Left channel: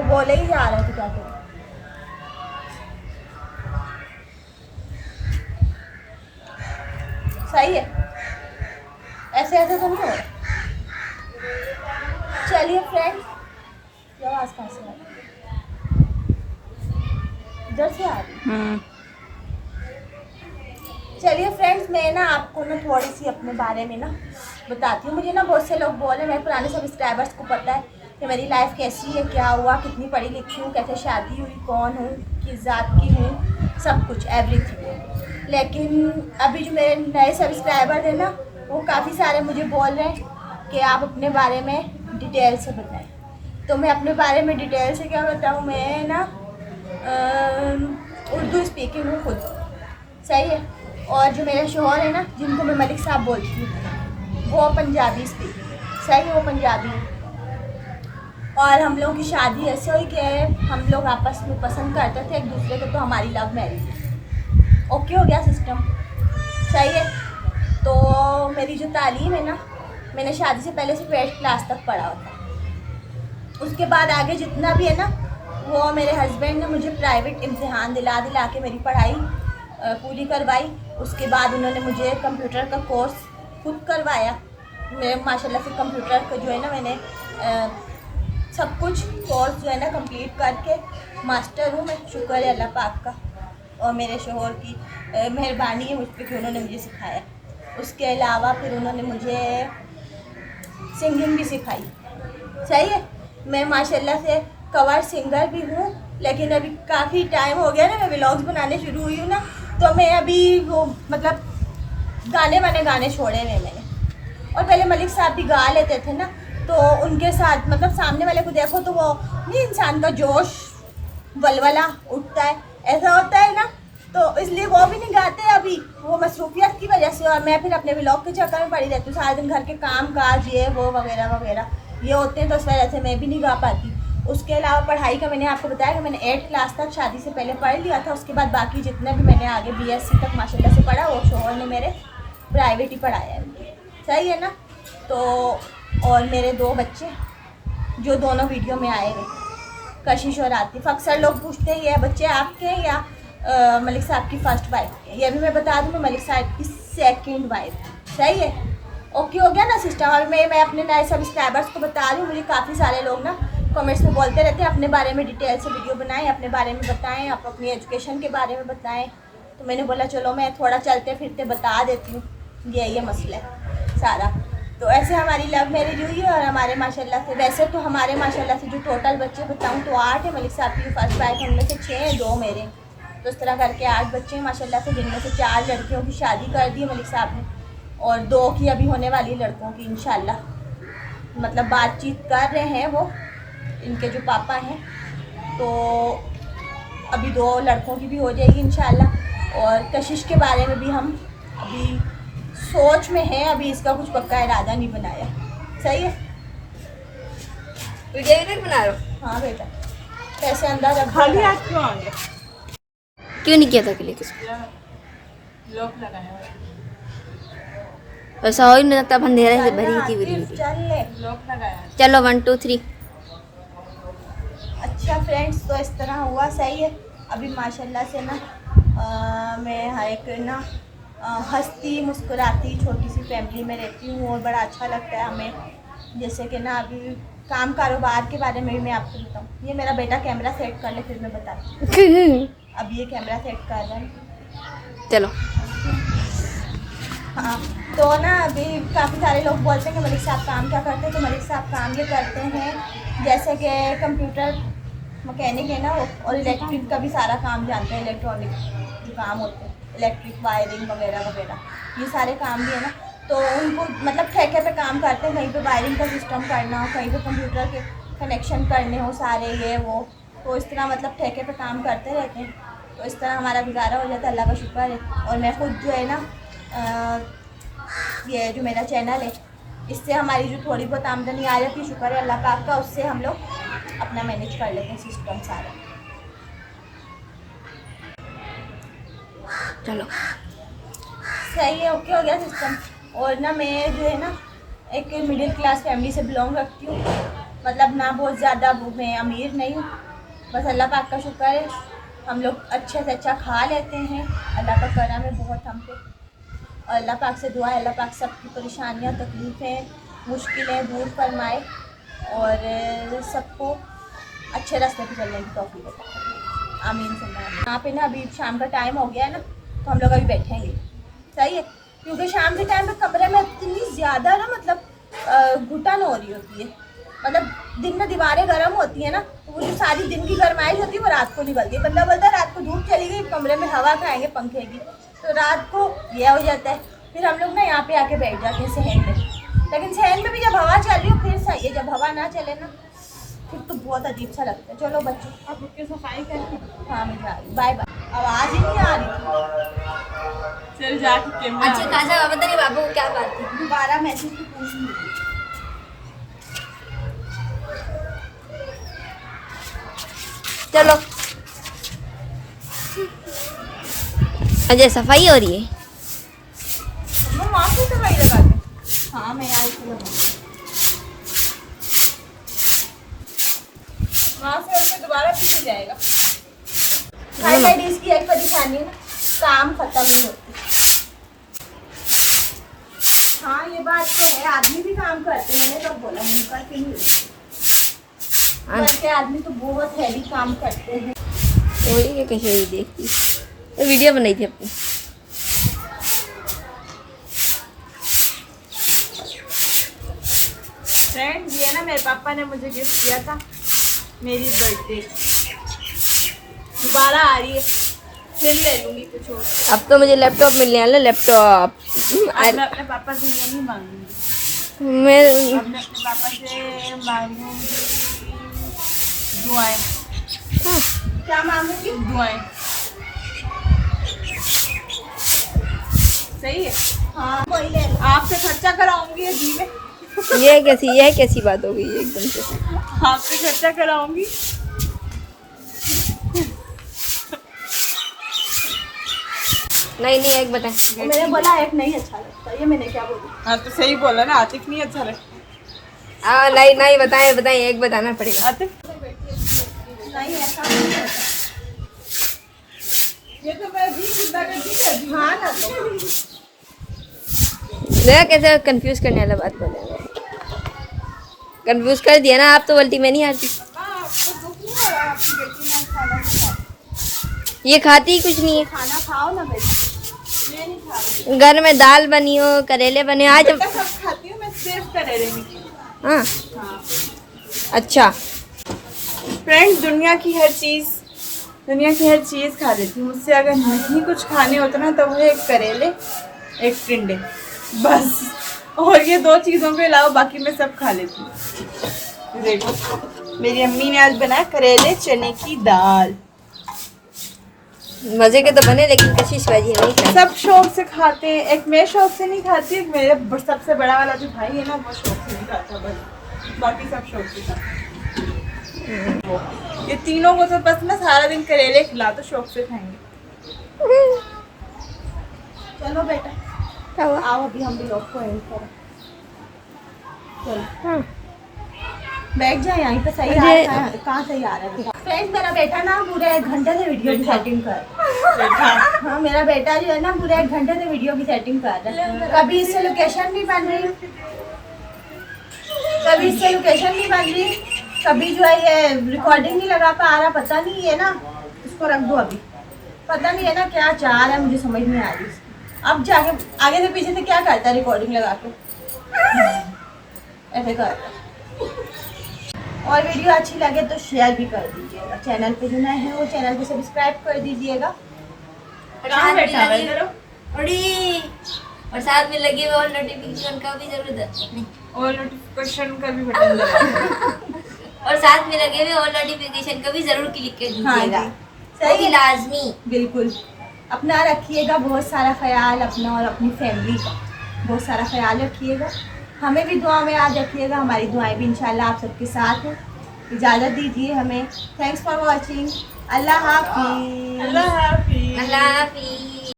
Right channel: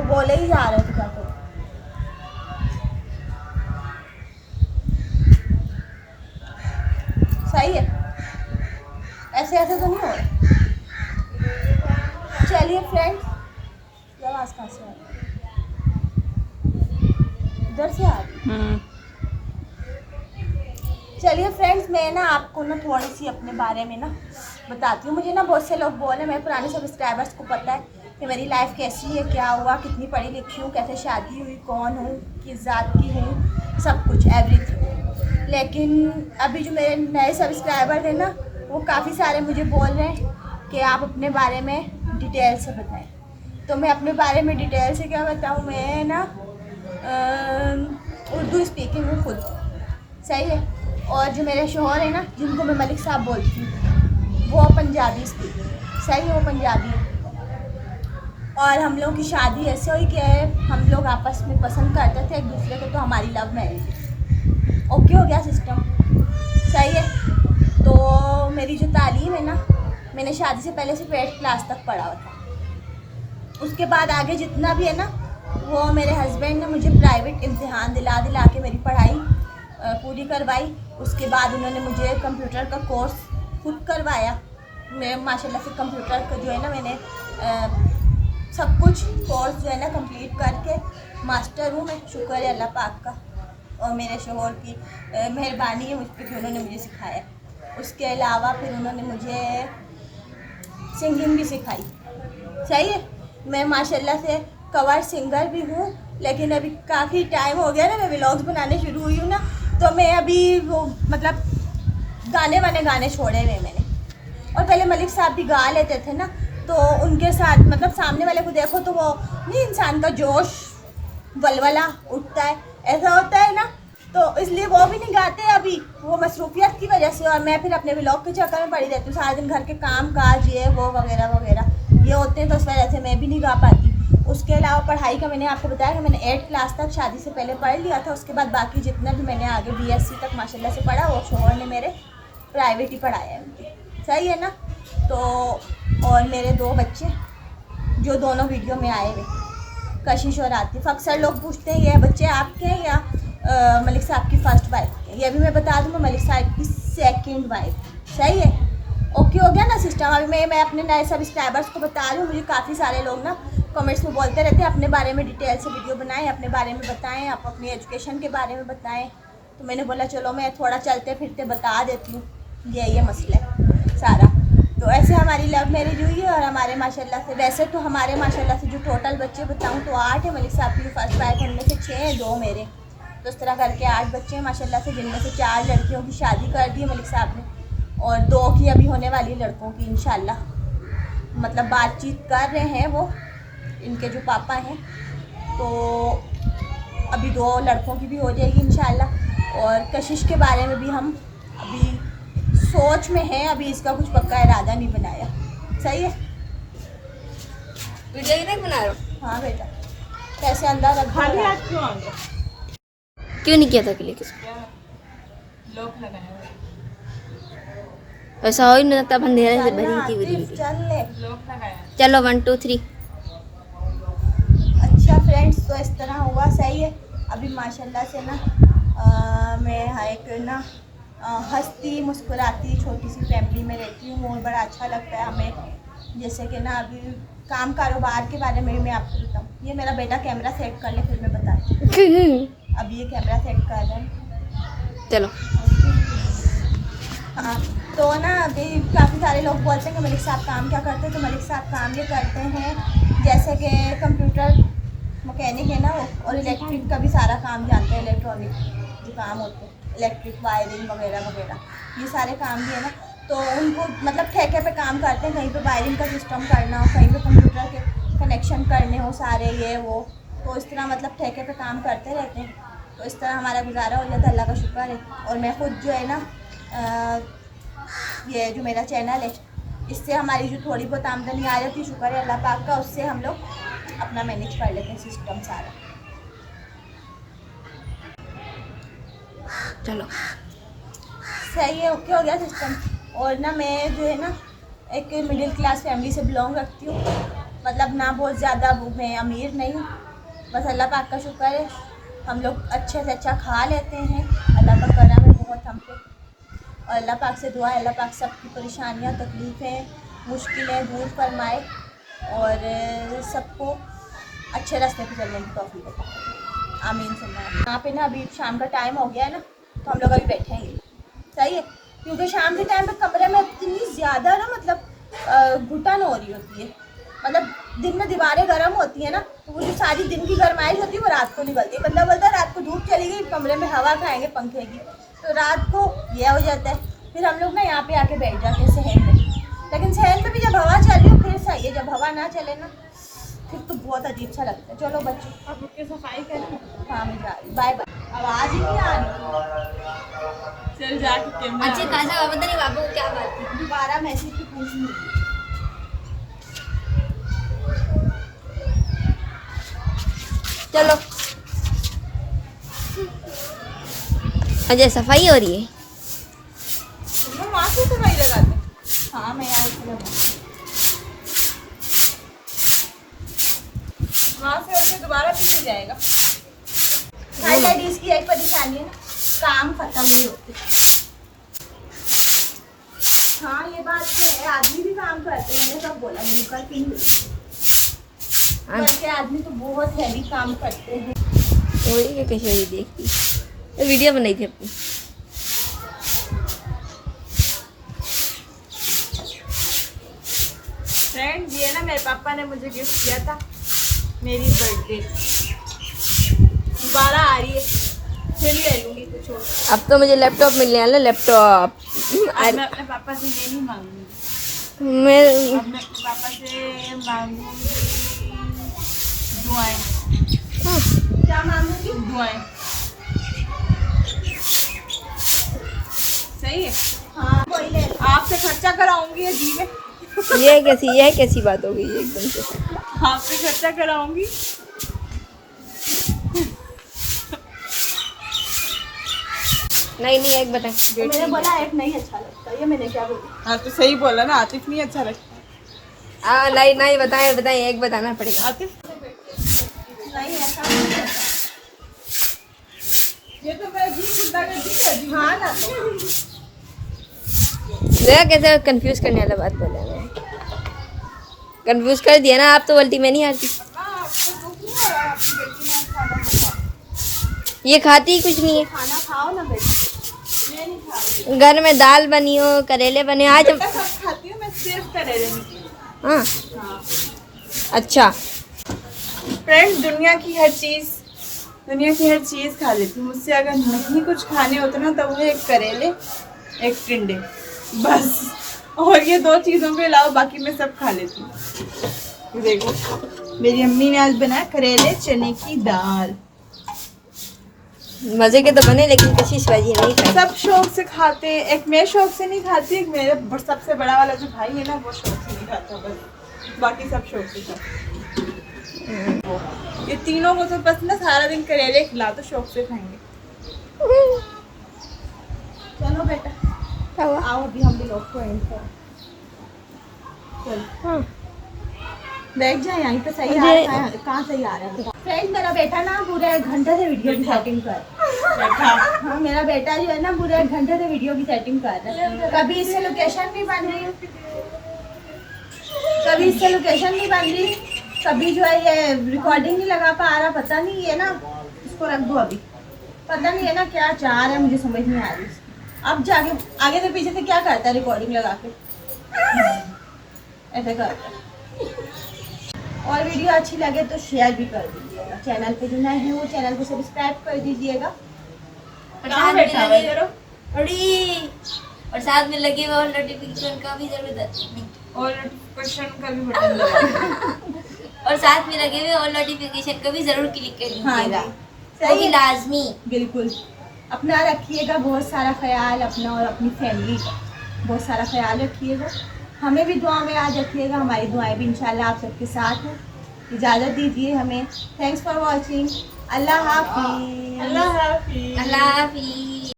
वो बोले ही जा रहा है, तो क्या करूं। सही है, ऐसे ऐसे तो नहीं हो रहा। चलिए फ्रेंड्स, ये आवाज़ कहाँ से आ रही है? इधर से आ रही है। चलिए फ्रेंड्स, मैं ना आपको ना थोड़ी सी अपने बारे में ना बताती हूँ। मुझे ना बहुत से लोग बोले, मेरे पुराने सब्सक्राइबर्स को पता है कि मेरी लाइफ कैसी है, क्या हुआ, कितनी पढ़ी लिखी हूँ, कैसे शादी हुई, कौन हूँ, किस जात की हूँ, सब कुछ एवरीथिंग। लेकिन अभी जो मेरे नए सब्सक्राइबर हैं ना, वो काफ़ी सारे मुझे बोल रहे हैं कि आप अपने बारे में डिटेल से बताएं। तो मैं अपने बारे में डिटेल से क्या बताऊँ, मैं ना उर्दू स्पीकिंग हूँ खुद, सही है। और जो मेरे शोहर है ना, जिनको मैं मलिक साहब बोलती हूँ, वो पंजाबी स्पीकिंग है, सही है, वो पंजाबी है। और हम लोगों की शादी ऐसे हुई कि हम लोग आपस में पसंद करते थे एक दूसरे को, तो हमारी लव मैरिज है। ओके हो गया सिस्टम, सही है। तो मेरी जो तालीम है ना, मैंने शादी से पहले सिर्फ 8th क्लास तक पढ़ा हुआ था। उसके बाद आगे जितना भी है ना, वो मेरे हस्बैंड ने मुझे प्राइवेट इम्तिहान दिला दिला के मेरी पढ़ाई पूरी करवाई। उसके बाद उन्होंने मुझे कंप्यूटर का कोर्स खुद करवाया। मैं माशाल्लाह से कंप्यूटर का जो है ना, मैंने सब कुछ कोर्स जो है ना कंप्लीट करके मास्टर हूँ मैं, शुक्र है अल्लाह पाक का और मेरे शोहर की मेहरबानी है मुझ पर कि उन्होंने मुझे सिखाया। उसके अलावा फिर उन्होंने मुझे सिंगिंग भी सिखाई, सही है। मैं माशाल्लाह से कवर सिंगर भी हूँ, लेकिन अभी काफ़ी टाइम हो गया ना, मैं व्लॉग्स बनाने शुरू हुई हूँ ना, तो मैं अभी वो मतलब गाने छोड़े हुए मैंने। और पहले मलिक साहब भी गा लेते थे ना, तो उनके साथ मतलब सामने वाले को देखो तो वो नहीं, इंसान का जोश वलवला उठता है, ऐसा होता है ना, तो इसलिए वो भी नहीं गाते अभी, वो मसरूफियत की वजह से। और मैं फिर अपने व्लॉग के चक्कर में पड़ी रहती हूँ, सारा दिन घर के काम काज ये वो वगैरह वगैरह ये होते हैं, तो इस वजह से मैं भी नहीं गा पाती। उसके अलावा पढ़ाई का मैंने आपको बताया कि मैंने 8th क्लास तक शादी से पहले पढ़ लिया था। उसके बाद बाकी जितना भी मैंने आगे BSc तक माशाल्लाह से पढ़ा, वो शोहर ने मेरे प्राइवेट ही पढ़ाया है मुझे, सही है ना। तो और मेरे 2 बच्चे जो दोनों वीडियो में आए हुए, कशिश और आतिफ। अक्सर लोग पूछते हैं ये बच्चे आपके हैं या मलिक साहब की फ़र्स्ट वाइफ के। ये भी मैं बता दूँ, मैं मलिक साहब की 2nd वाइफ, सही है। ओके हो गया ना सिस्टम। अभी मैं अपने नए सब्सक्राइबर्स को बता रही हूँ, मुझे काफ़ी सारे लोग ना कमेंट्स में बोलते रहते हैं अपने बारे में डिटेल से वीडियो बनाएं, अपने बारे में बताएं, आप अपनी एजुकेशन के बारे में बताएं। तो मैंने बोला चलो मैं थोड़ा चलते फिरते बता देती हूँ, ये मसला है सारा। तो ऐसे हमारी लव मैरिज हुई है। और हमारे माशाल्लाह से, वैसे तो हमारे माशाल्लाह से जो टोटल बच्चे बताऊँ तो 8 है। मलिक साहब की फर्स्ट वाइफ, उनमें से 6 हैं, 2 मेरे, तो इस तरह करके 8 बच्चे हैं माशाल्लाह से, जिनमें से 4 लड़कियों की शादी कर दी है मलिक साहब ने, और 2 की अभी होने वाली लड़कों की इंशाल्लाह। मतलब बातचीत कर रहे हैं वो, इनके जो पापा हैं, तो अभी 2 लड़कों की भी हो जाएगी इंशाल्लाह। और कशिश के बारे में भी हम अभी सोच में हैं, अभी इसका कुछ पक्का इरादा नहीं बनाया, सही है। वीडियो नहीं बना रहा? हाँ बेटा, पैसे अंदर रख दो। क्यों नहीं किया था क्लिक? लॉक लगाया ऐसा हो ही नहीं सकता, अंधेरे से भरी थी आतिफ, वीडियो। चल ले, लॉक लगाया। चलो 1 2 3। अच्छा फ्रेंड्स, तो इस तरह हुआ, सही है। अभी माशाल्लाह से ना मैं एक ना हंसती मुस्कुराती छोटी सी फैमिली में रहती हूँ, और बड़ा अच्छा लगता है हमें। जैसे कि ना अभी काम कारोबार के बारे में भी मैं आपको बताऊँ। ये मेरा बेटा कैमरा सेट कर ले, फिर मैं बताती हूँ। अब ये कैमरा सेट कर रहा है, चलो। हाँ। तो ना अभी काफ़ी सारे लोग बोलते हैं कि मलिक साहब काम क्या करते हैं, तो मलिक साहब काम ये करते हैं जैसे कि कंप्यूटर मैकेनिक है ना वो, और इलेक्ट्रिक का भी सारा काम जानते हैं। इलेक्ट्रॉनिक जो काम होते हैं, इलेक्ट्रिक वायरिंग वगैरह वगैरह, ये सारे काम भी है ना। तो उनको मतलब ठेके पे काम करते हैं, कहीं पे वायरिंग का सिस्टम करना हो, कहीं पे कंप्यूटर के कनेक्शन करने हो सारे ये वो, तो इस तरह मतलब ठेके पे काम करते रहते हैं। तो इस तरह हमारा गुजारा हो जाता है, अल्लाह का शुक्र है। और मैं खुद जो है ना ये जो मेरा चैनल है, इससे हमारी जो थोड़ी बहुत आमदनी आ जाती है, शुक्र है अल्लाह पाक का, उससे हम लोग अपना मैनेज कर लेते हैं सिस्टम सारा। चलो सही है, ओके हो गया सिस्टम। और ना मैं जो है ना एक मिडिल क्लास फैमिली से बिलोंग रखती हूँ, मतलब ना बहुत ज़्यादा मैं अमीर नहीं हूँ, बस अल्लाह पाक का शुक्र है हम लोग अच्छे से अच्छा खा लेते हैं। अल्लाह का करम है बहुत हम पे, और अल्लाह पाक से दुआ है अल्लाह पाक सबकी परेशानियाँ तकलीफ़ें मुश्किलें दूर फरमाए और सबको अच्छे रास्ते पे चलने की तौफीक अता फरमाए। आमीन सुम्मा आमीन। यहाँ पे ना अभी शाम का टाइम हो गया है ना, तो हम लोग अभी बैठेंगे, सही है, क्योंकि शाम के टाइम पे कमरे में इतनी ज़्यादा ना मतलब घुटन हो रही होती है। मतलब दिन में दीवारें गर्म होती है ना, तो वो जो सारी दिन की गर्माइश होती है वो रात को निकलती है। बंदा बोलता है रात को धूप चली गई, कमरे में हवा खाएंगे पंखे की, तो रात को यह हो जाता है। फिर हम लोग ना यहाँ पे आके बैठ जाते हैं सहन में, लेकिन सहन में भी जब हवा चल रही हो फिर सही है, जब हवा ना चले ना फिर तो बहुत अजीब सा लगता है। चलो बच्चों अब उसकी सफाई करें। हाँ मैं जा रही, बाय बाय। आवाज़ ही नहीं आ रही। चल जाके कैमरा अच्छे खासा पता नहीं बाबू को क्या बात थी। दोबारा मैसेज की पूछूंगी। चलो अजय सफाई हो रही है। वहाँ से सफाई लगाते। हाँ मैं यहाँ से लगाऊँ। वहाँ से होके दोबारा पीछे जाएगा। हाई लेडीज की एक परेशानी है ना, काम खत्म नहीं होते। हाँ ये बात तो है, आदमी भी काम करते हैं, मैंने कब बोला मुझे करते ही नहीं, बल्कि आदमी तो बहुत हैवी काम करते हैं। वही क्या कैसे वही देखती तो वीडियो बनाई थी अपनी। फ्रेंड्स ये ना मेरे पापा ने मुझे गिफ्ट किया था मेरी बर्थडे, दोबारा आ रही है, फिर ले लूंगी कुछ और। अब तो मुझे लैपटॉप मिलने वाला लैपटॉप। अब मैं अपने पापा से ये नहीं मांगूंगी, मैं अब मैं अपने पापा से मांगूंगी दुआएं। हाँ, क्या मांगूंगी? दुआएं सही है। हाँ वही ले लो। आपसे खर्चा कराऊंगी अजीब है, ये कैसी बात हो गई एकदम से। आपसे खर्चा कराऊंगी। नहीं एक बता। तो मैंने बोला एक नहीं अच्छा लगता, ये मैंने क्या बोला? हाँ तो सही बोला ना, आतिफ नहीं अच्छा लगता। नहीं बताएं एक बताना पड़ेगा। आतिफ नहीं ऐसा नहीं होता। ये तो मैं अजीब गुंडागर्दी कर दी। हाँ ना तो देखा कैसे कंफ्यूज करने वाला बात बोले मैं। कंफ्यूज कर दिया ना, आप तो उल्टी में नहीं आती। आपको दुख नहीं हो रहा आपकी बेटी ने आज खाना नहीं खाया? ये खाती ही कुछ नहीं है। खाना खाओ ना बेटा। मैं नहीं खा रही। घर में दाल बनी हो, करेले बने हो, आज हम। बेटा सब खाती हूँ मैं, सिर्फ करेले नहीं खाती। हाँ हाँ अच्छा। फ्रेंड्स दुनिया की हर चीज़ खा लेती हूँ। मुझसे अगर नहीं कुछ खाने होते ना तो वो एक करेले एक टिंडे बस, और ये दो चीज़ों के अलावा बाकी मैं सब खा लेती हूँ। ये देखो मेरी अम्मी ने आज बनाया करेले चने की दाल। मजे के तो बने लेकिन कशिश बाजी नहीं खाई। सब शौक से खाते हैं, एक मैं शौक से नहीं खाती, एक मेरे सबसे बड़ा वाला जो भाई है ना वो शौक से नहीं खाता, बस बाकी सब शौक से खाते। ये तीनों को तो बस ना सारा दिन करेले खिला तो शौक से खाएंगे। चलो बेटा क्या हुआ? आओ अभी हम भी लोग को एंड करें। चलो हाँ बैठ जाए यहीं पे, सही आ मुझे- रहा है। कहाँ सही आ रहा है? फ्रेंड मेरा बेटा ना पूरा 1 घंटे से वीडियो की सेटिंग कर। बैठा हाँ मेरा बेटा जो है ना पूरा 1 घंटे से वीडियो की सेटिंग कर रहा है। कभी इससे लोकेशन नहीं बन रही, कभी जो है ये रिकॉर्डिंग नहीं लगा पा रहा। पता नहीं है ना, इसको रख दो अभी। पता नहीं है ना क्या चाह रहा है, मुझे समझ नहीं आ रही। अब जाके आगे से पीछे से क्या करता है रिकॉर्डिंग लगा के, ऐसे करता है। और वीडियो अच्छी लगे तो शेयर भी कर दीजिएगा। चैनल पे जो नए हैं वो चैनल को सब्सक्राइब कर दीजिएगा। कहाँ बैठा हुआ है इधर? और साथ में लगे हुए नोटिफिकेशन का भी जरूरत नहीं। और नोटिफिकेशन का भी बटन दबा और साथ में लगे हुए और नोटिफिकेशन को भी जरूर क्लिक कर हाँ दीजिएगा। जी सही सही है, लाजमी। बिल्कुल। अपना रखिएगा बहुत सारा ख्याल, अपना और अपनी फैमिली का बहुत सारा ख्याल रखिएगा। हमें भी दुआ में याद रखिएगा, हमारी दुआएं भी इंशाल्लाह आप सबके साथ हैं। इजाज़त दीजिए हमें। Thanks for watching. अल्लाह हाफिज़। अल्लाह हाफिज़। अल्लाह हाफिज़।